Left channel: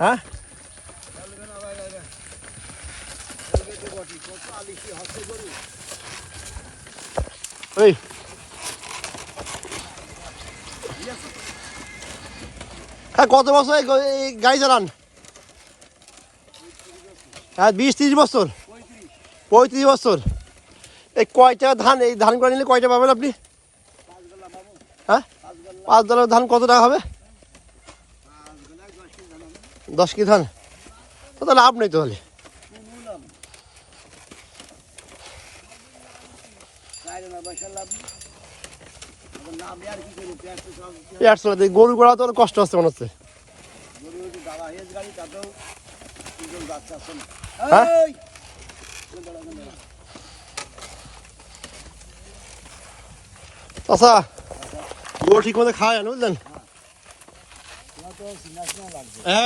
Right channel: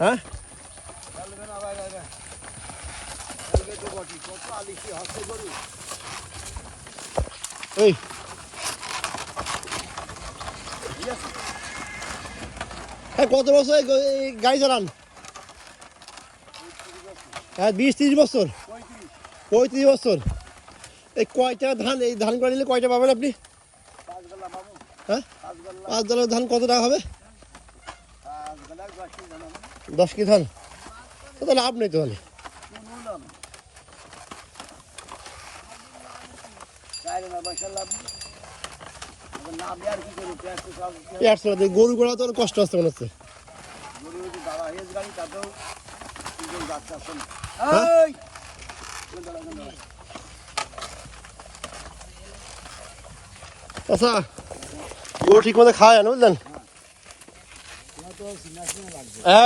হ্যাঁ ওই হ্যাঁ কত বছর এই গাড়ি চালান? হ্যাঁ 20-30 বছর, 35 বছর। এই কয়টা ধান, এই ধান করে নিলে কয়টা পাবেন আপনি? হ্যাঁ 5 ডালের ধান কত টাকা হবে? 10 কি ধান? তো তাহলে লাভ নেই তাহলে। গরু গোড়া তো কষ্ট হচ্ছে মনে হচ্ছে। হ্যাঁ আচ্ছা গরু ঠিক মতো খাওয়ায় না বুঝলেন।